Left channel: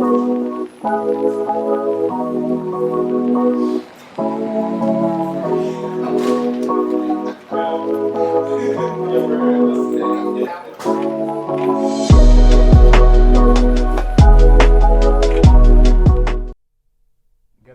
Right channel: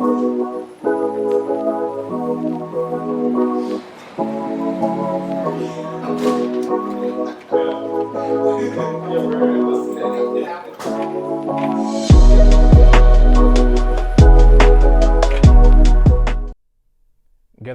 Good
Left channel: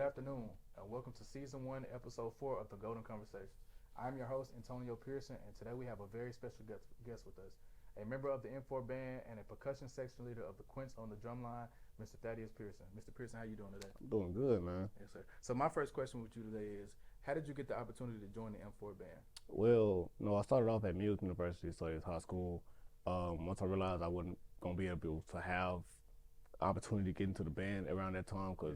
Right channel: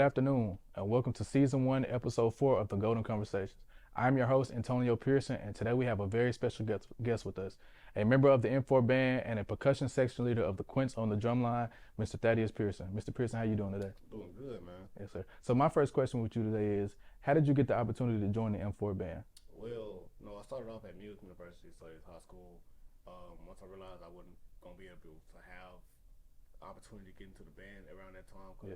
afternoon, and welcome to Season 1, Episode 4 of The Golden Conversations. I'm your host, Antonio Pearson, and today we have a very special guest with us, a member of the M4 band and a percussion section leader of the Quints on the drumline, Mr. Thaddeus Pearson. Mr. Pearson, how you doing today? Doing good, man. Yes, sir. So my first question with you today is, how did you get the opportunity to join the M4 band? Well, I started off at music university, so it's high school. Once I realized I wasn't going to be able to have opportunity to get into the band around that time, because,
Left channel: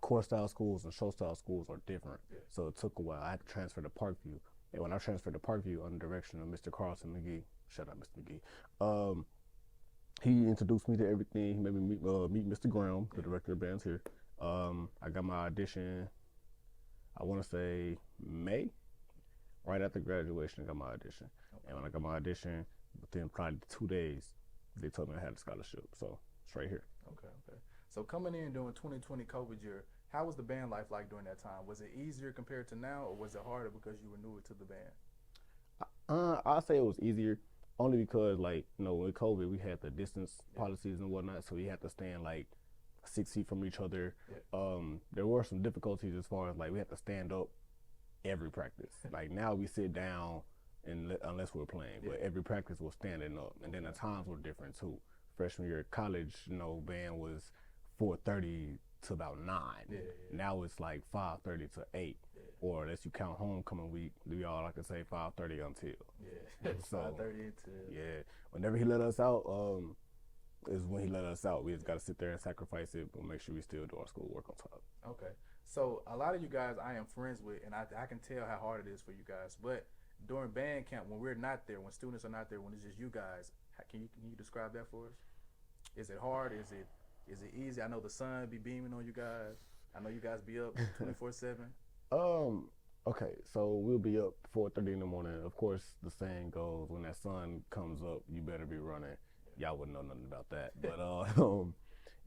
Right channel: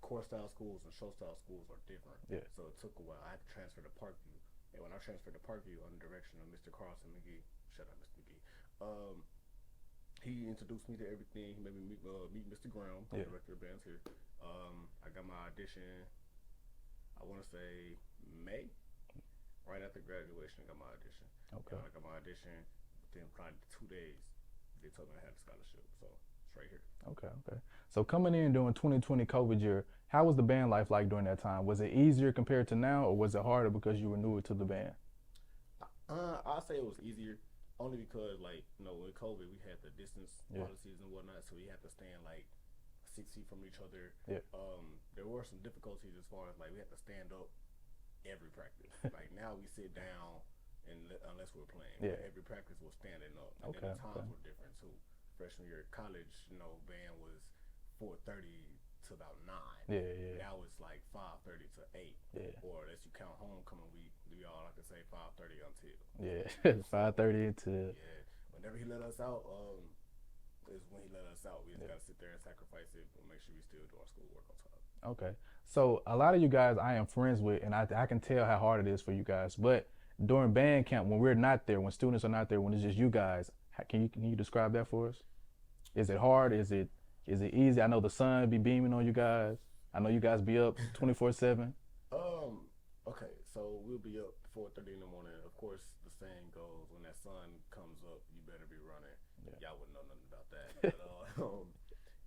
core style schools and show style schools are different. Yeah. So it took a while. I had to transfer to Parkview. And when I transferred to Parkview under the direction of Mr. Carlson McGee, shout out Mr. McGee, he introduced me to everything. He made me meet Mr. Graham, the director of bands here. I got my audition, I want to say May, right after graduation. I got my audition. Okay. And when I got my audition, within probably 2 days, they told me I had a scholarship. So it's right here. Okay. So coming in during 2020 COVID year, how was the band life like during that time? Was it easier compared to now, or was it harder because you were newer to the band? I'll say it was easier, only because, with COVID, we had the distance policies and whatnot, so we had to stand 6 feet from each other. Yeah. There were some difficulties as far as we had to stand up every practice. Now we sit down unless we're playing, but every practice was standing up, and then the times were different too. Freshman year of college, band was 4:30 to about 9. Yeah. Now it's 5:30 to 8. Yeah. Or unless you count homecoming week, we all like to say 5:30 until. Yeah. 5:30 to. Yeah. Whenever he let us out, is when he let us out. We just got to sit there and sacrifice it, but make sure we still do our schoolwork on top. Okay. So a lot of you guys I am friends with, and I can tell how hard it is for you guys. But during band camp, when we're not there, when students are not there, when it's just you guys, can you describe that for us? Is it hard? Is it easy? I know the sun be beaming on you guys. I know you guys be up 24/7. Okay, so we'll be up 4:30 in the morning. Of course, the saying goes, when that sun comes up, you better be running. Yeah. Y'all wouldn't know nothing about that. But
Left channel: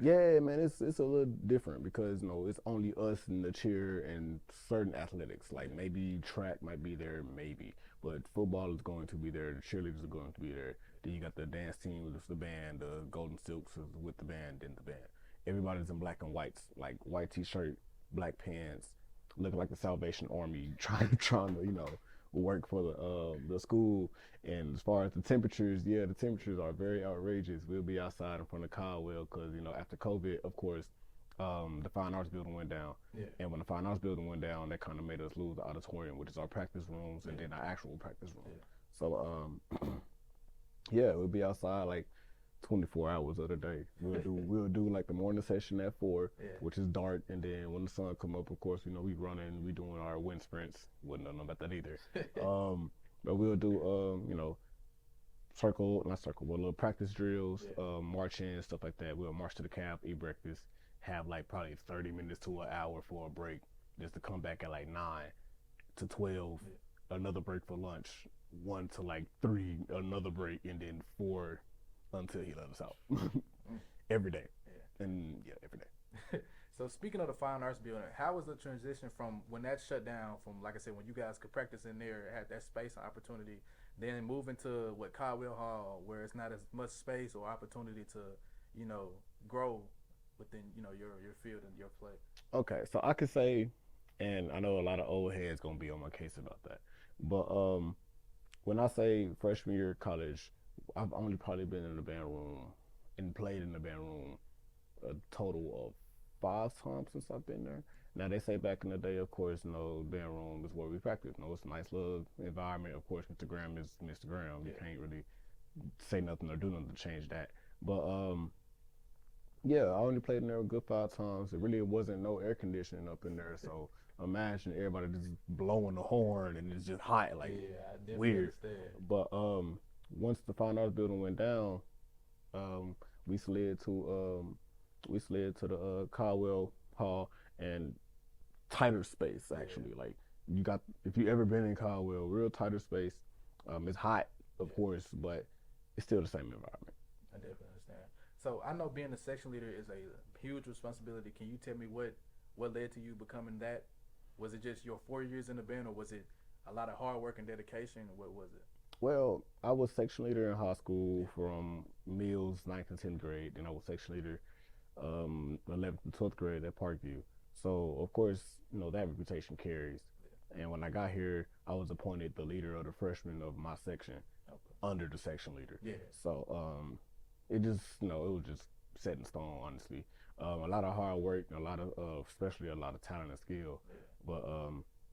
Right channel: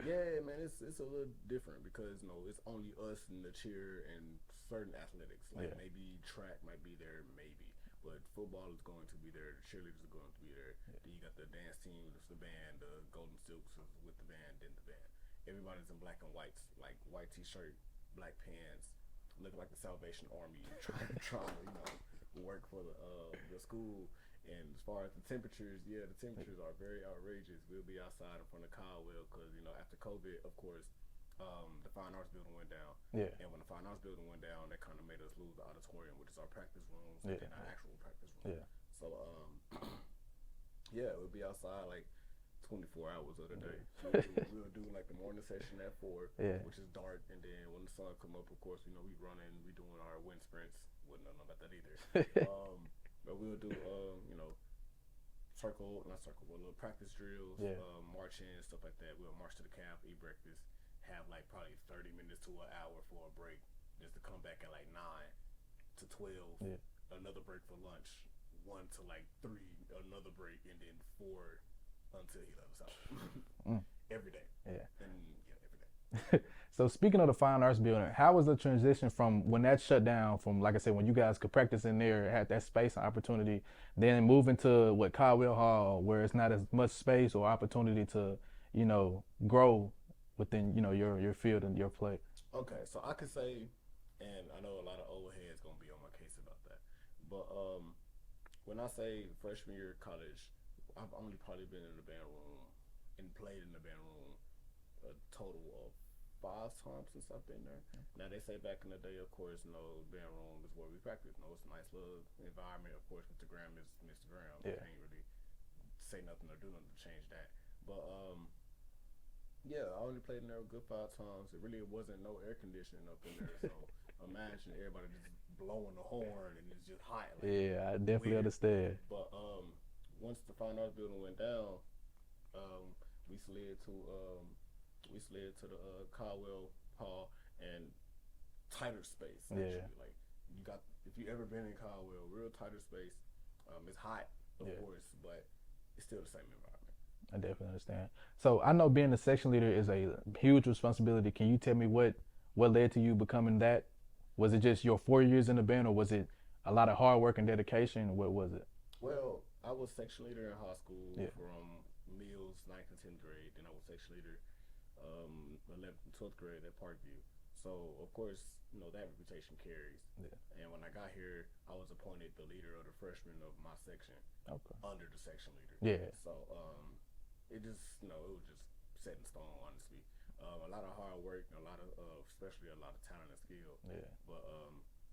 yeah, man, it's a little different because it's only us and the cheer and certain athletics. Maybe track might be there, maybe, but football is going to be there. The cheerleaders are going to be there. Then you got the dance team with the band, the Golden Silks is with the band, then the band. Everybody's in black and whites, white t-shirt, black pants, looking like the Salvation Army, trying to work for the school. And as far as the temperatures, the temperatures are very outrageous. We'll be outside in front of Caldwell because after COVID, of course, the Fine Arts Building went down. Yeah. And when the Fine Arts Building went down, that kind of made us lose the auditorium, which is our practice rooms, and then our actual practice room. Yeah. So we'll be outside 24 hours of the day. We'll do the morning session at 4, which is dark, and then when the sun come up, of course, we running, we doing our wind sprints. Wouldn't know about that either. But we'll do little practice drills, marching, stuff like that. We'll march to the cab, eat breakfast, have probably 30 minutes to an hour for a break, just to come back at 9 to 12, another break for lunch, 1 to 3, another break, and then 4 until he let us out. Every day. Yeah. And every day. So speaking of the Fine Arts Building, how was the transition from when that shut down, from like I said, when you guys could practice in there, had that space and opportunity, then moving to Caldwell Hall, where it's not as much space or opportunity to, grow within, your field and your play? Okay, so I could say, and I know a lot of old heads gonna be on my case about that, but when I say freshman year of college, I've only probably been in the band room and played in the band room a total of 5 times since I've been there. Now they say back in the day, of course, band room is where we practice. It's a nice little environment. Of course, Mr. Graham is Mr. Graham. You can't really say nothing or do nothing to change that. But I only played in there a good 5 times. It really wasn't no air conditioning up in there, so imagine everybody just blowing the horn and it's just hot. I definitely understand. But once the Fine Arts Building went down, we slid to the Caldwell Hall, and tighter space actually. If you ever been in Caldwell, real tighter space. It's hot, of course, but it's still the same environment. I definitely understand. So I know being a section leader is a huge responsibility. Can you tell me what led to you becoming that? Was it just your 4 years in the band, or was it a lot of hard work and dedication? What was it? Well, I was section leader in high school Yeah. from Mills, 9th and 10th grade. Then I was section leader 11th and 12th grade at Parkview. So, of course, that reputation carries. Yeah. And when I got here, I was appointed the leader of the freshmen of my section Okay. under the section leader. Yeah. So, it just, it was just set in stone, honestly. A lot of hard work, especially a lot of talent and skill. Yeah. But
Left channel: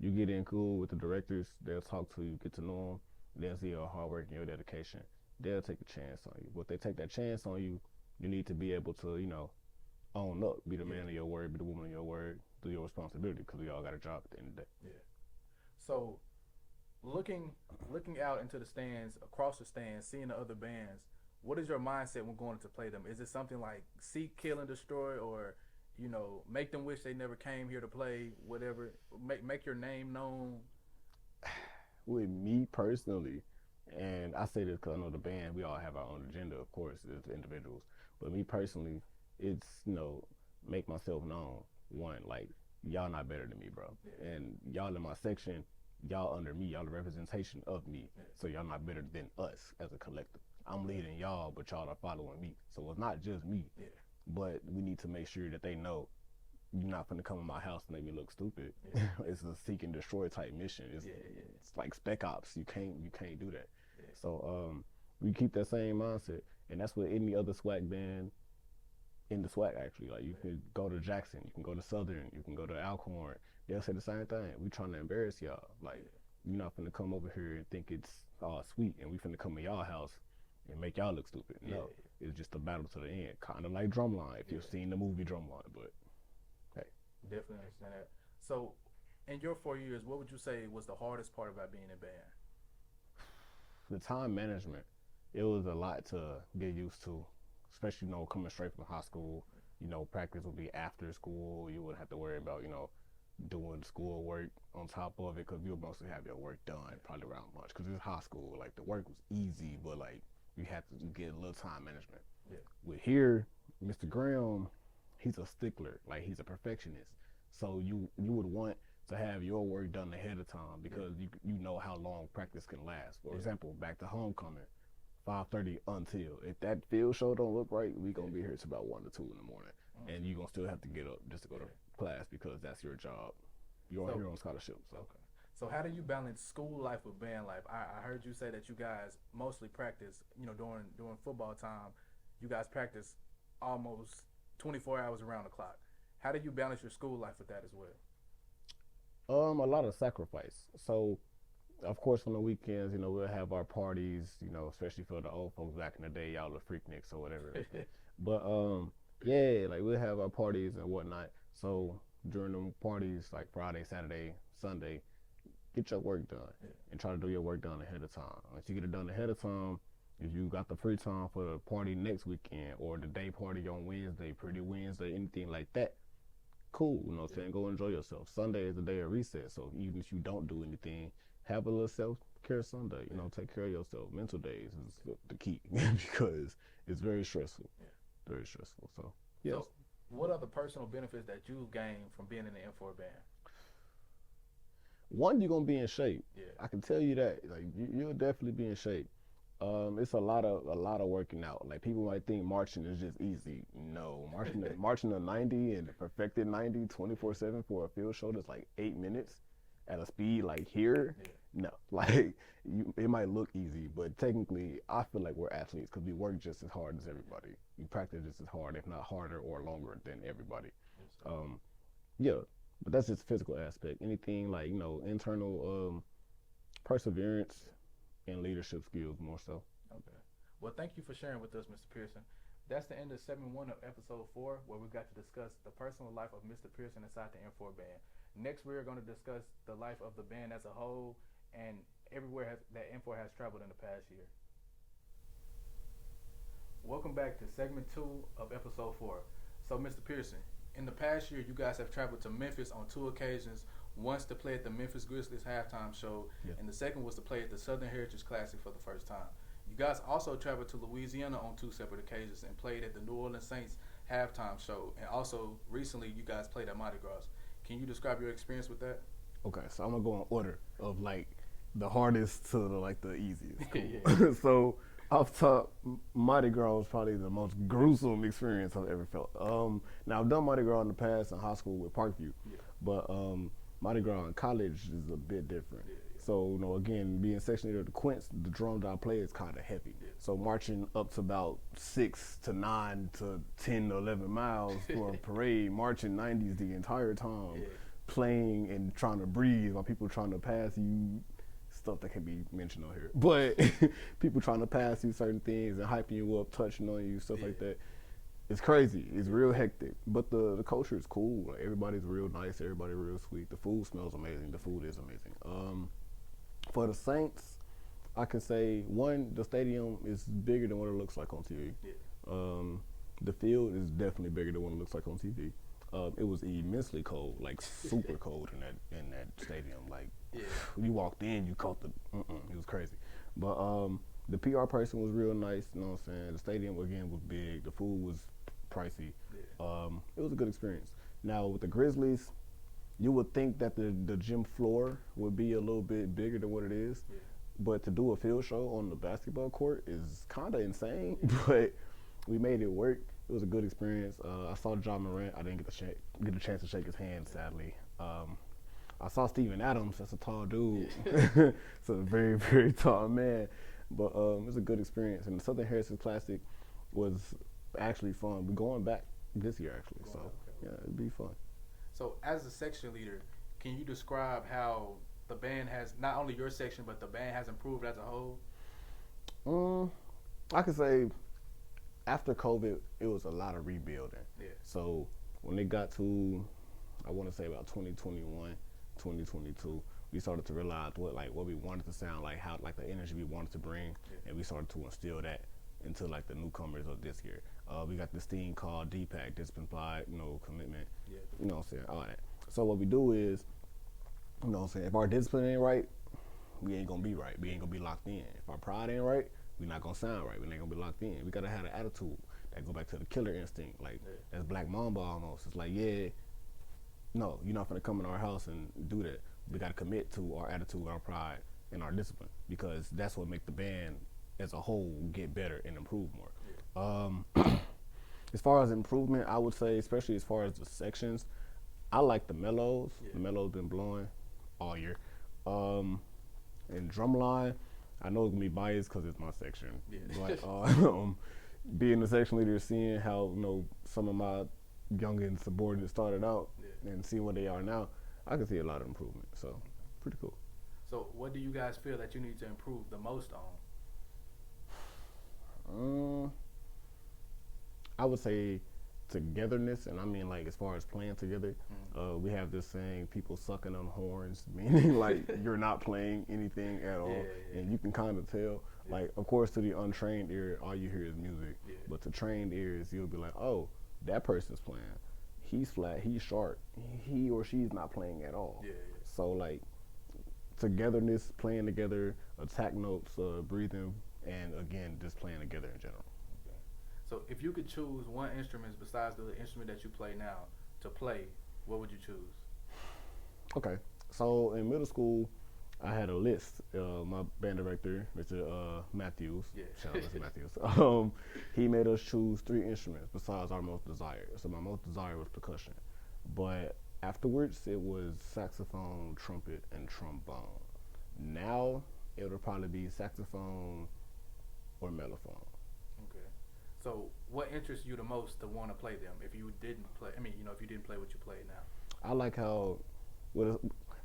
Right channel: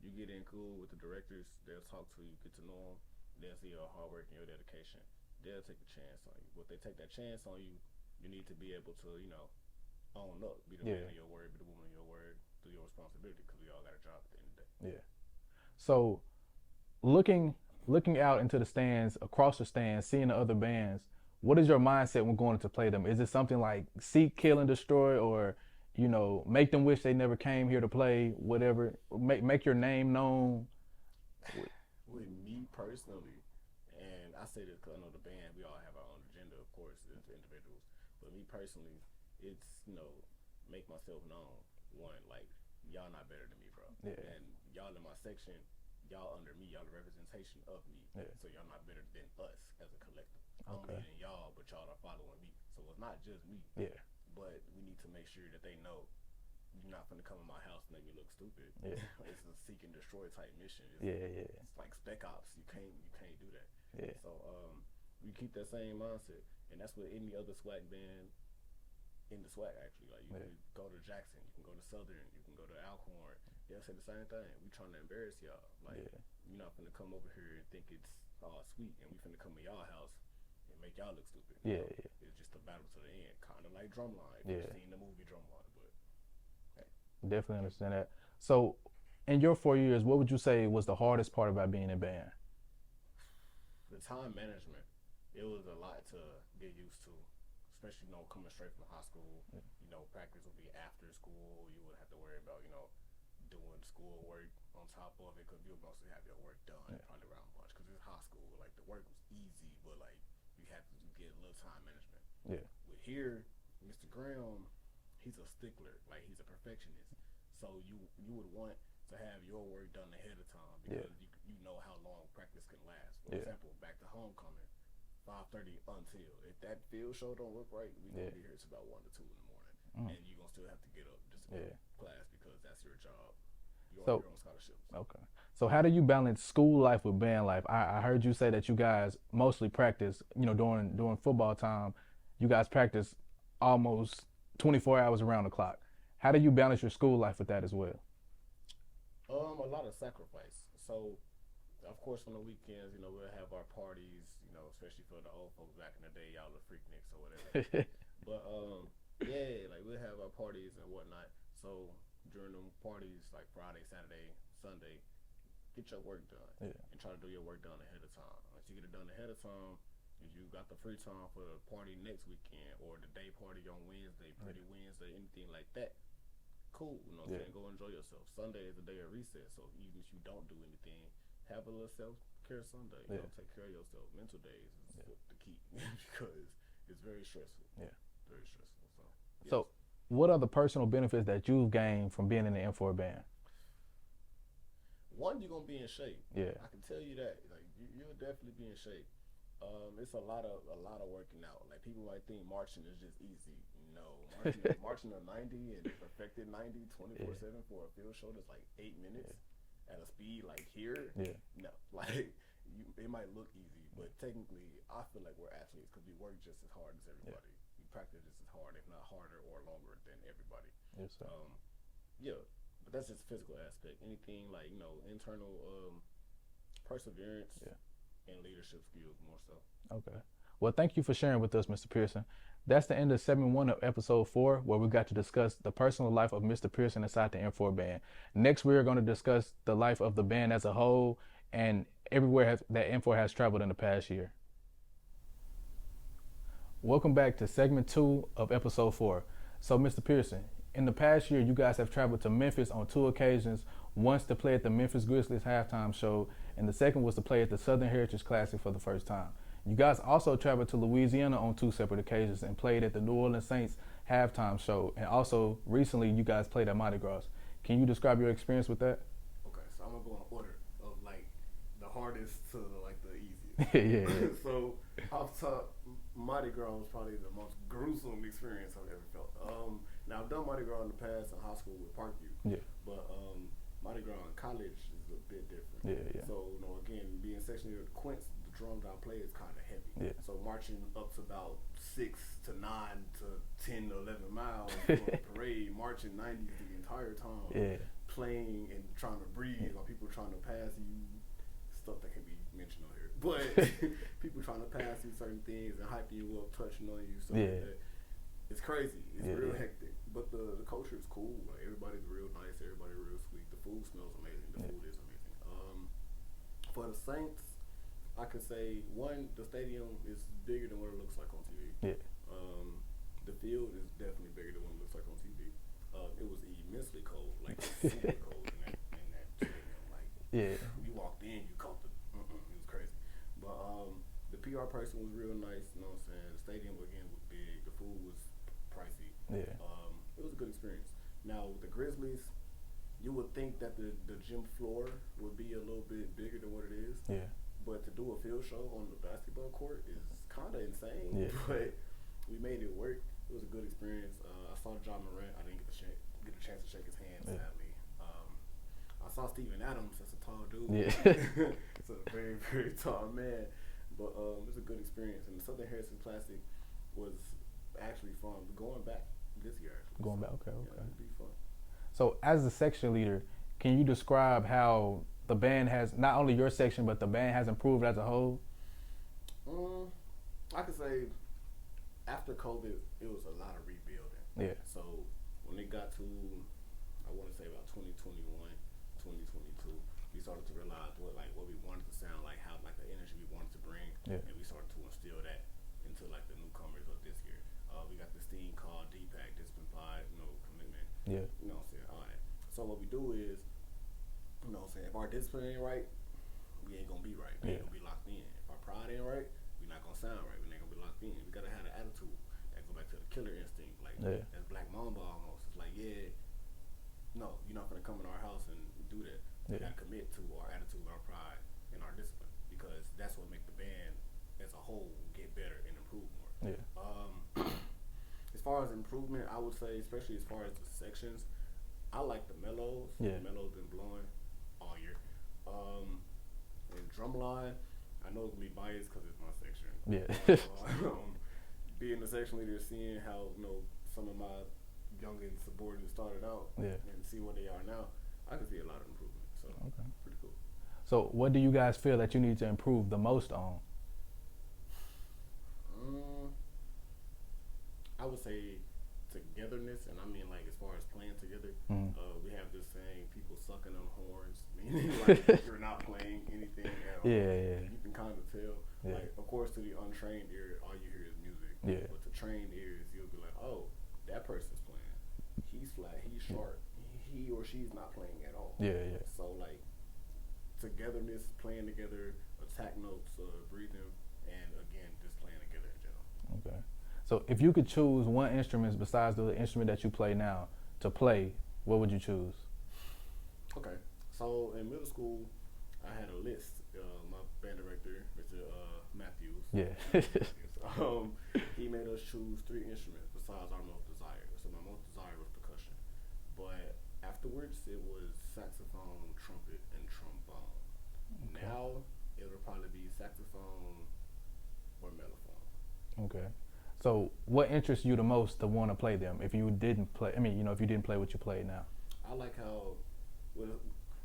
you get in cool with the directors, they'll talk to you, get to know them, they'll see your hard work and your dedication. They'll take a chance on you. But if they take that chance on you, you need to be able to, own up, be the man of your word, be the woman of your word, do your responsibility, because we all got a job at the end of the day. Yeah. So, looking out into the stands, across the stands, seeing the other bands, what is your mindset when going to play them? Is it something like seek, kill, and destroy, or make them wish they never came here to play? Whatever, make your name known. With me personally, and I say this because I know the band, we all have our own agenda, of course, as individuals. But me personally, it's make myself known. One, like, y'all not better than me, bro. Yeah. And y'all in my section, y'all under me, y'all the representation of me. Yeah. So y'all not better than us as a collective. I'm leading y'all, but y'all are following me. So it's not just me. Yeah. But we need to make sure that they know you're not gonna come in my house and make me look stupid. Yeah. It's a seek and destroy type mission. It's like Spec Ops. You can't do that. Yeah. So we keep that same mindset, and that's what any other SWAC band in the SWAC actually. Like, you can go to Jackson, you can go to Southern, you can go to Alcorn. They'll say the same thing. We trying to embarrass y'all. Like, you're not finna come over here and think it's all sweet, and we finna come in y'all house and make y'all look stupid. No, it's just a battle to the end, kind of like Drumline. If you've seen the movie Drumline, but hey, definitely understand that. So, in your 4 years, what would you say was the hardest part about being in band? The time management. It was a lot to get used to, especially coming straight from high school. Practice would be after school. You wouldn't have to worry about doing school work on top of it, because you would mostly have your work done probably around lunch, because it's high school. Like, the work was easy, but like, you have to get a little time management. Yeah. With here, Mr. Graham, he's a stickler. Like, he's a perfectionist. So you would want to have your work done ahead of time, because you know how long practice can last. For example, back to homecoming, 5:30 until. If that field show don't look right, we gonna be here till about 1 to 2 in the morning, and you gonna still have to get up just to go to class, because that's your job. You're on your own scholarship. So. Okay. So how do you balance school life with band life? I heard you say that you guys mostly practice, during football time, you guys practice almost 24 hours around the clock. How do you balance your school life with that as well? A lot of sacrifice. So, of course, on the weekends, we'll have our parties, especially for the old folks back in the day, y'all the freakniks or whatever. But, like, we'll have our parties and whatnot. So, during them parties, like Friday, Saturday, Sunday, get your work done and try to do your work done ahead of time. Once you get it done ahead of time, if you got the free time for the party next weekend, or the day party on Wednesday, Pretty Wednesday, anything like that, cool, go enjoy yourself. Sunday is the day of recess, so even if you don't do anything, have a little self-care Sunday. Take care of yourself. Mental days is the key, because it's very stressful. Yeah, very stressful. So, yes. So, what are the personal benefits that you've gained from being in the M4 band? One, you're gonna be in shape. Yeah, I can tell you that. Like, you'll definitely be in shape. It's a lot of working out. Like, people might think marching is just easy. No, marching a 90 and perfected 90 24/7 for a field show that's like 8 minutes at a speed like here. Yeah. No, like, it might look easy, but technically, I feel like we're athletes because we work just as hard as everybody. We practice just as hard, if not harder or longer than everybody. Yes, but that's just the physical aspect. Anything like internal perseverance. And leadership skills more so. Okay. Well, thank you for sharing with us, Mr. Pearson. That's the end of segment 1 of episode 4, where we got to discuss the personal life of Mr. Pearson inside the M4 band. Next, we are going to discuss the life of the band as a whole and everywhere that M4 has traveled in the past year. Welcome back to segment 2 of episode 4. So, Mr. Pearson, in the past year, you guys have traveled to Memphis on 2 occasions. Once to play at the Memphis Grizzlies halftime show, and the second was to play at the Southern Heritage Classic for the first time. You guys also traveled to Louisiana on 2 separate occasions and played at the New Orleans Saints halftime show. And also, recently, you guys played at Mardi Gras. Can you describe your experience with that? Okay, so I'm gonna go in order of like the hardest to the easiest. Yeah. So off top, Mardi Gras was probably the most gruesome experience I've ever felt. Now I've done Mardi Gras in the past in high school with Parkview, Yeah. but Mardi Gras in college is a bit different. Yeah. So again, being section leader of the Quints, the drum that I play is kind of heavy. Yeah. So marching up to about 6 to 9 to 10 to 11 miles for a parade, marching 90s the entire time. Yeah. Playing and trying to breathe while people trying to pass you stuff that can be mentioned on here. But people trying to pass you certain things and hyping you up, touching on you, stuff like that. It's crazy. It's real hectic. But the culture is cool. Like everybody's real nice, everybody real sweet. The food smells amazing. The food is amazing. For the Saints, I can say one, the stadium is bigger than what it looks like on TV. Yeah. The field is definitely bigger than what it looks like on TV. It was immensely cold, like super cold in that stadium. Like, when you walked in, you caught it was crazy. But the PR person was real nice. You know what I'm saying? The stadium again was big. The food was pricey. Yeah. It was a good experience. Now with the Grizzlies, you would think that the gym floor would be a little bit bigger than what it is. Yeah. But to do a field show on the basketball court is kind of insane. Yeah. But we made it work. It was a good experience. I saw John Morant. I didn't get a chance to shake his hand, sadly. I saw Steven Adams. That's a tall dude. Yeah. It's a very, very tall man. But it was a good experience. And the Southern Heritage Classic was actually fun. We're going back this year, actually. Okay. Yeah, it'd be fun. So, as the section leader, can you describe how the band has, not only your section, but the band has improved as a whole? I could say after COVID, it was a lot of rebuilding. Yeah. So when it got to, I want to say about 2021, 2022, we started to realize what we wanted to sound like, how like the energy we wanted to bring, and we started to instill that into like the newcomers of this year. We got this thing called DPAC, Discipline, Pride, Commitment. Yeah. You know what I'm saying? All that. So what we do is, you know what I'm saying, if our discipline ain't right, we ain't gonna be right. We ain't gonna be locked in. If our pride ain't right, we not gonna sound right. We ain't gonna be locked in. We gotta have an attitude that go back to the killer instinct. Like that's Black Mamba almost. It's like, no, you're not gonna come in our house and do that. We gotta commit to our attitude, our pride, and our discipline, because that's what make the band as a whole get better and improve more. Yeah. As far as improvement, I would say, especially as far as the sections, I like the mellows. Yeah. The mellows been blowing all year. And drumline, I know it's gonna be biased because it's my section. Yeah. Like, being the section leader, seeing how some of my youngin subordinates started out, and seeing where they are now, I can see a lot of improvement. So pretty cool. So what do you guys feel that you need to improve the most on? I would say togetherness, and I mean like as far as playing together. We have this saying, people sucking on horns, meaning like you're not playing anything at all. And you can kind of tell. Like, of course, to the untrained ear, all you hear is music. But to trained ears, you'll be like, oh, that person's playing. He's flat, he's sharp. He or she's not playing at all. So like togetherness, playing together, attack notes, breathing, and again, just playing together in general. Okay. So if you could choose one instrument besides the instrument that you play now to play, what would you choose? Okay. So in middle school, I had a list. My band director, Mr. Matthews, shout out to Matthews, he made us choose 3 instruments besides our most desired. So my most desired was percussion. But afterwards, it was saxophone, trumpet, and trombone. Now, it'll probably be saxophone or mellophone. Okay. So what interests you the most to want to play them if you didn't play, if you didn't play what you play now? I like how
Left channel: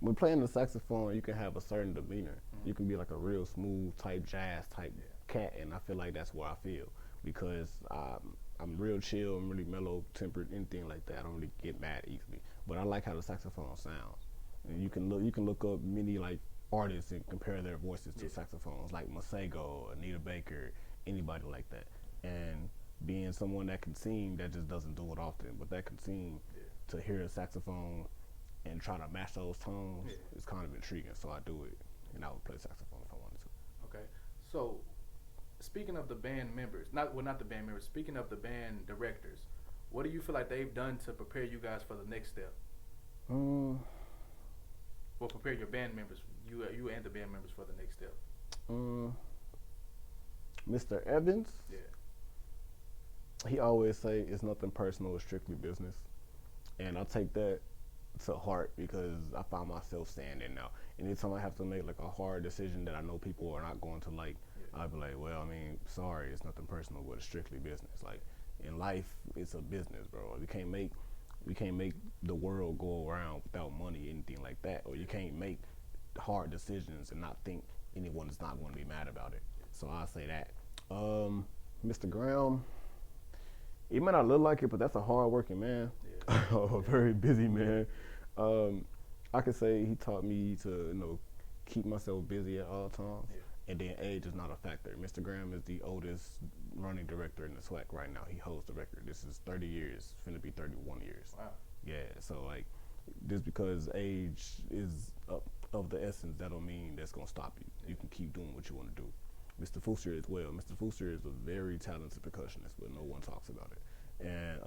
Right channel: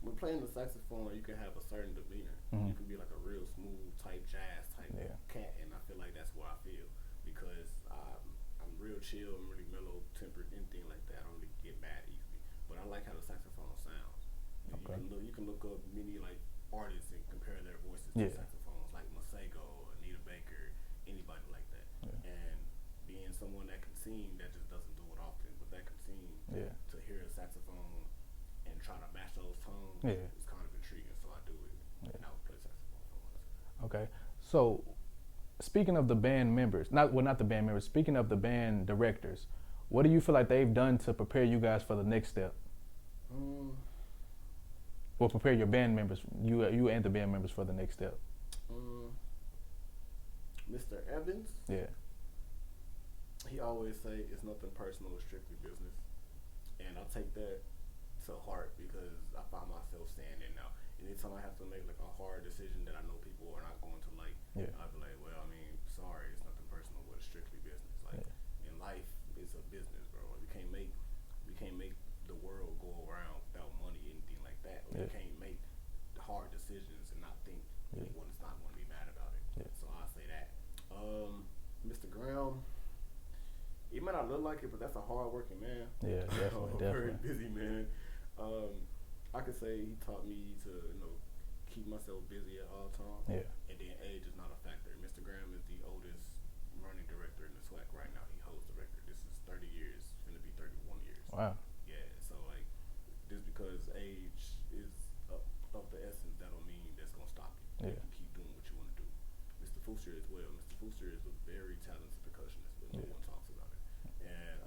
when playing the saxophone, you can have a certain demeanor. You can be like a real smooth type, jazz type cat, and I feel like that's what I feel, because I'm real chill, I'm really mellow tempered, anything like that. I don't really get mad easily, but I like how the saxophone sounds. And you can look up many like artists and compare their voices to saxophones, like Masego, Anita Baker, anybody like that. And being someone that can sing, that just doesn't do it often, but that can sing, to hear a saxophone and try to match those tones, it's kind of intriguing. So I do it, and I would play saxophone if I wanted to. Okay. So speaking of the band members, not the band members. Speaking of the band directors, what do you feel like they've done to prepare you guys for the next step? Or prepare your band members, you and the band members for the next step. Mr. Evans, Yeah, he always say it's nothing personal, it's strictly business, and I take that to heart because I find myself saying it now. Anytime I have to make like a hard decision that I know people are not going to like, I'll be like, well, I mean, sorry, it's nothing personal, but it's strictly business. Like in life, it's a business, bro. We can't make the world go around without money, anything like that, or you can't make hard decisions and not think anyone's not going to be mad about it. So I say that. Mr. Graham, he may not look like it, but that's a hard-working man. A very busy man. I could say he taught me to, keep myself busy at all times. And then age is not a factor. Mr. Graham is the oldest running director in the SWAC right now. He holds the record. This is 30 years, finna be 31 years. Wow. Yeah, so like, just because age is of the essence, that don't mean that's gonna stop you. You can keep doing what you want to do. Mr. Fuster as well. Mr. Fuster is a very talented percussionist, but no one talks about it. And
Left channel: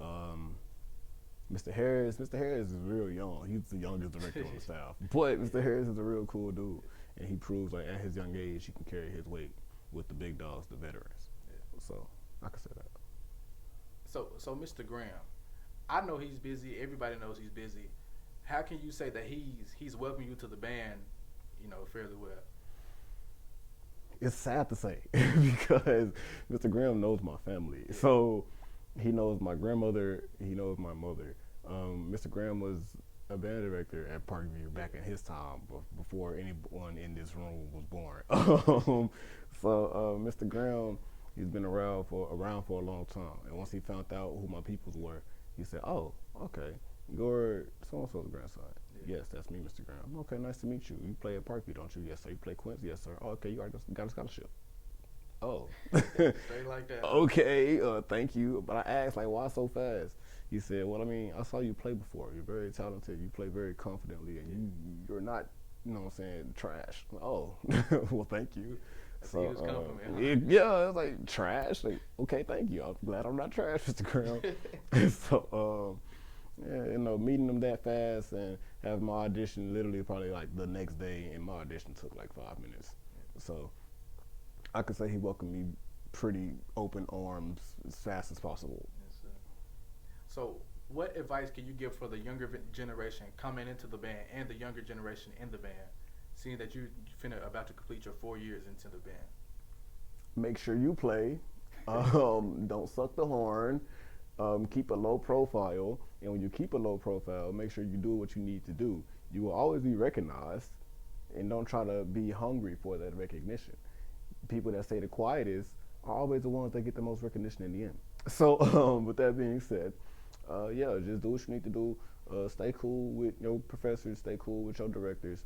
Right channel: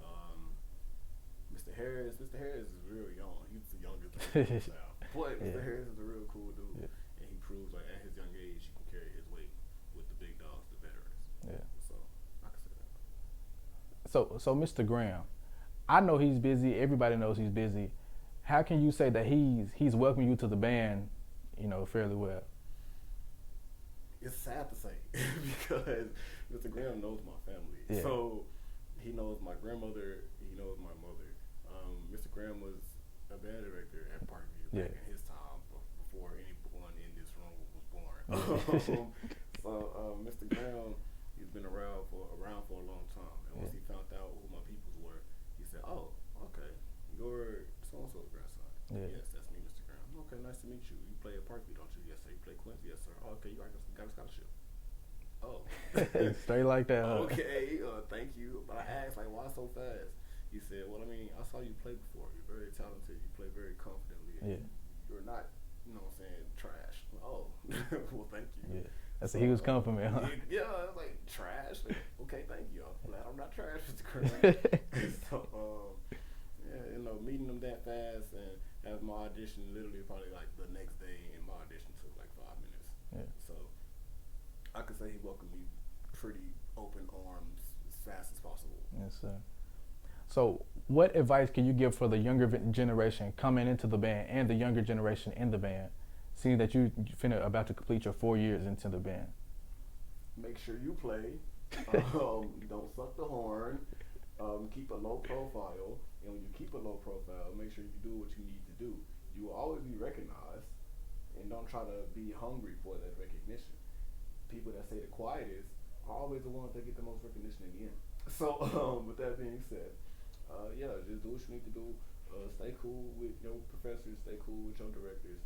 Mr. Harris is real young. He's the youngest director on the staff. But Mr. Harris is a real cool dude. And he proves like at his young age he can carry his weight with the big dogs, the veterans. So I can say that. So Mr. Graham, I know he's busy. Everybody knows he's busy. How can you say that he's welcomed you to the band, fairly well? It's sad to say because Mr. Graham knows my family. So he knows my grandmother. He knows my mother. Mr. Graham was a band director at Parkview back in his time, before anyone in this room was born. So Mr. Graham, he's been around for a long time. And once he found out who my peoples were, he said, "Oh, okay, you're so-and-so's grandson." Yes, that's me, Mr. Graham. Okay, nice to meet you. You play at Parkview, don't you? Yes, sir. You play Quincy? Yes, sir. Oh, okay, you already got a scholarship. Oh. Stay like that. Okay, thank you. But I asked, like, why so fast? He said, well, I mean, I saw you play before. You're very talented. You play very confidently. And you're not, trash. Oh, well, thank you. That's a huge compliment, huh? Yeah, it's like, trash? Like, okay, thank you. I'm glad I'm not trash, Mr. Graham. So, meeting them that fast and having my audition literally probably like the next day, and my audition took like 5 minutes. So I could say he welcomed me pretty open arms as fast as possible. Yes, sir. So what advice can you give for the younger generation coming into the band and the younger generation in the band, seeing that you're about to complete your 4 years into the band? Make sure you play. Don't suck the horn. Keep a low profile. And when you keep a low profile, make sure you do what you need to do. You will always be recognized, and don't try to be hungry for that recognition. People that stay the quietest are always the ones that get the most recognition in the end. So with that being said, just do what you need to do. Stay cool with your professors, stay cool with your directors.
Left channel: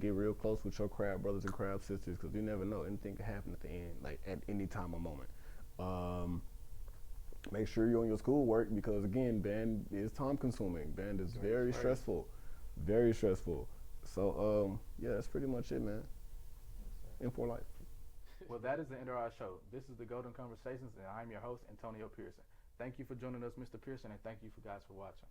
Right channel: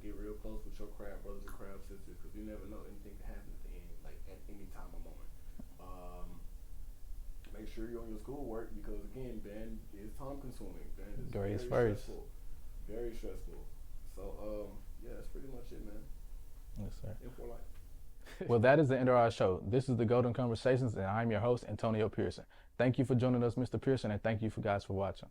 Get real close with your craft brothers and craft sisters, because you never know, anything can happen at the end, like at any time or moment. Make sure you're on your schoolwork, because again, band is time consuming. Band is very stressful. Very stressful. So that's pretty much it, man. Yes, sir. And for life. Well, that is the end of our show. This is the Golden Conversations, and I'm your host, Antonio Pearson. Thank you for joining us, Mr. Pearson, and thank you guys for watching.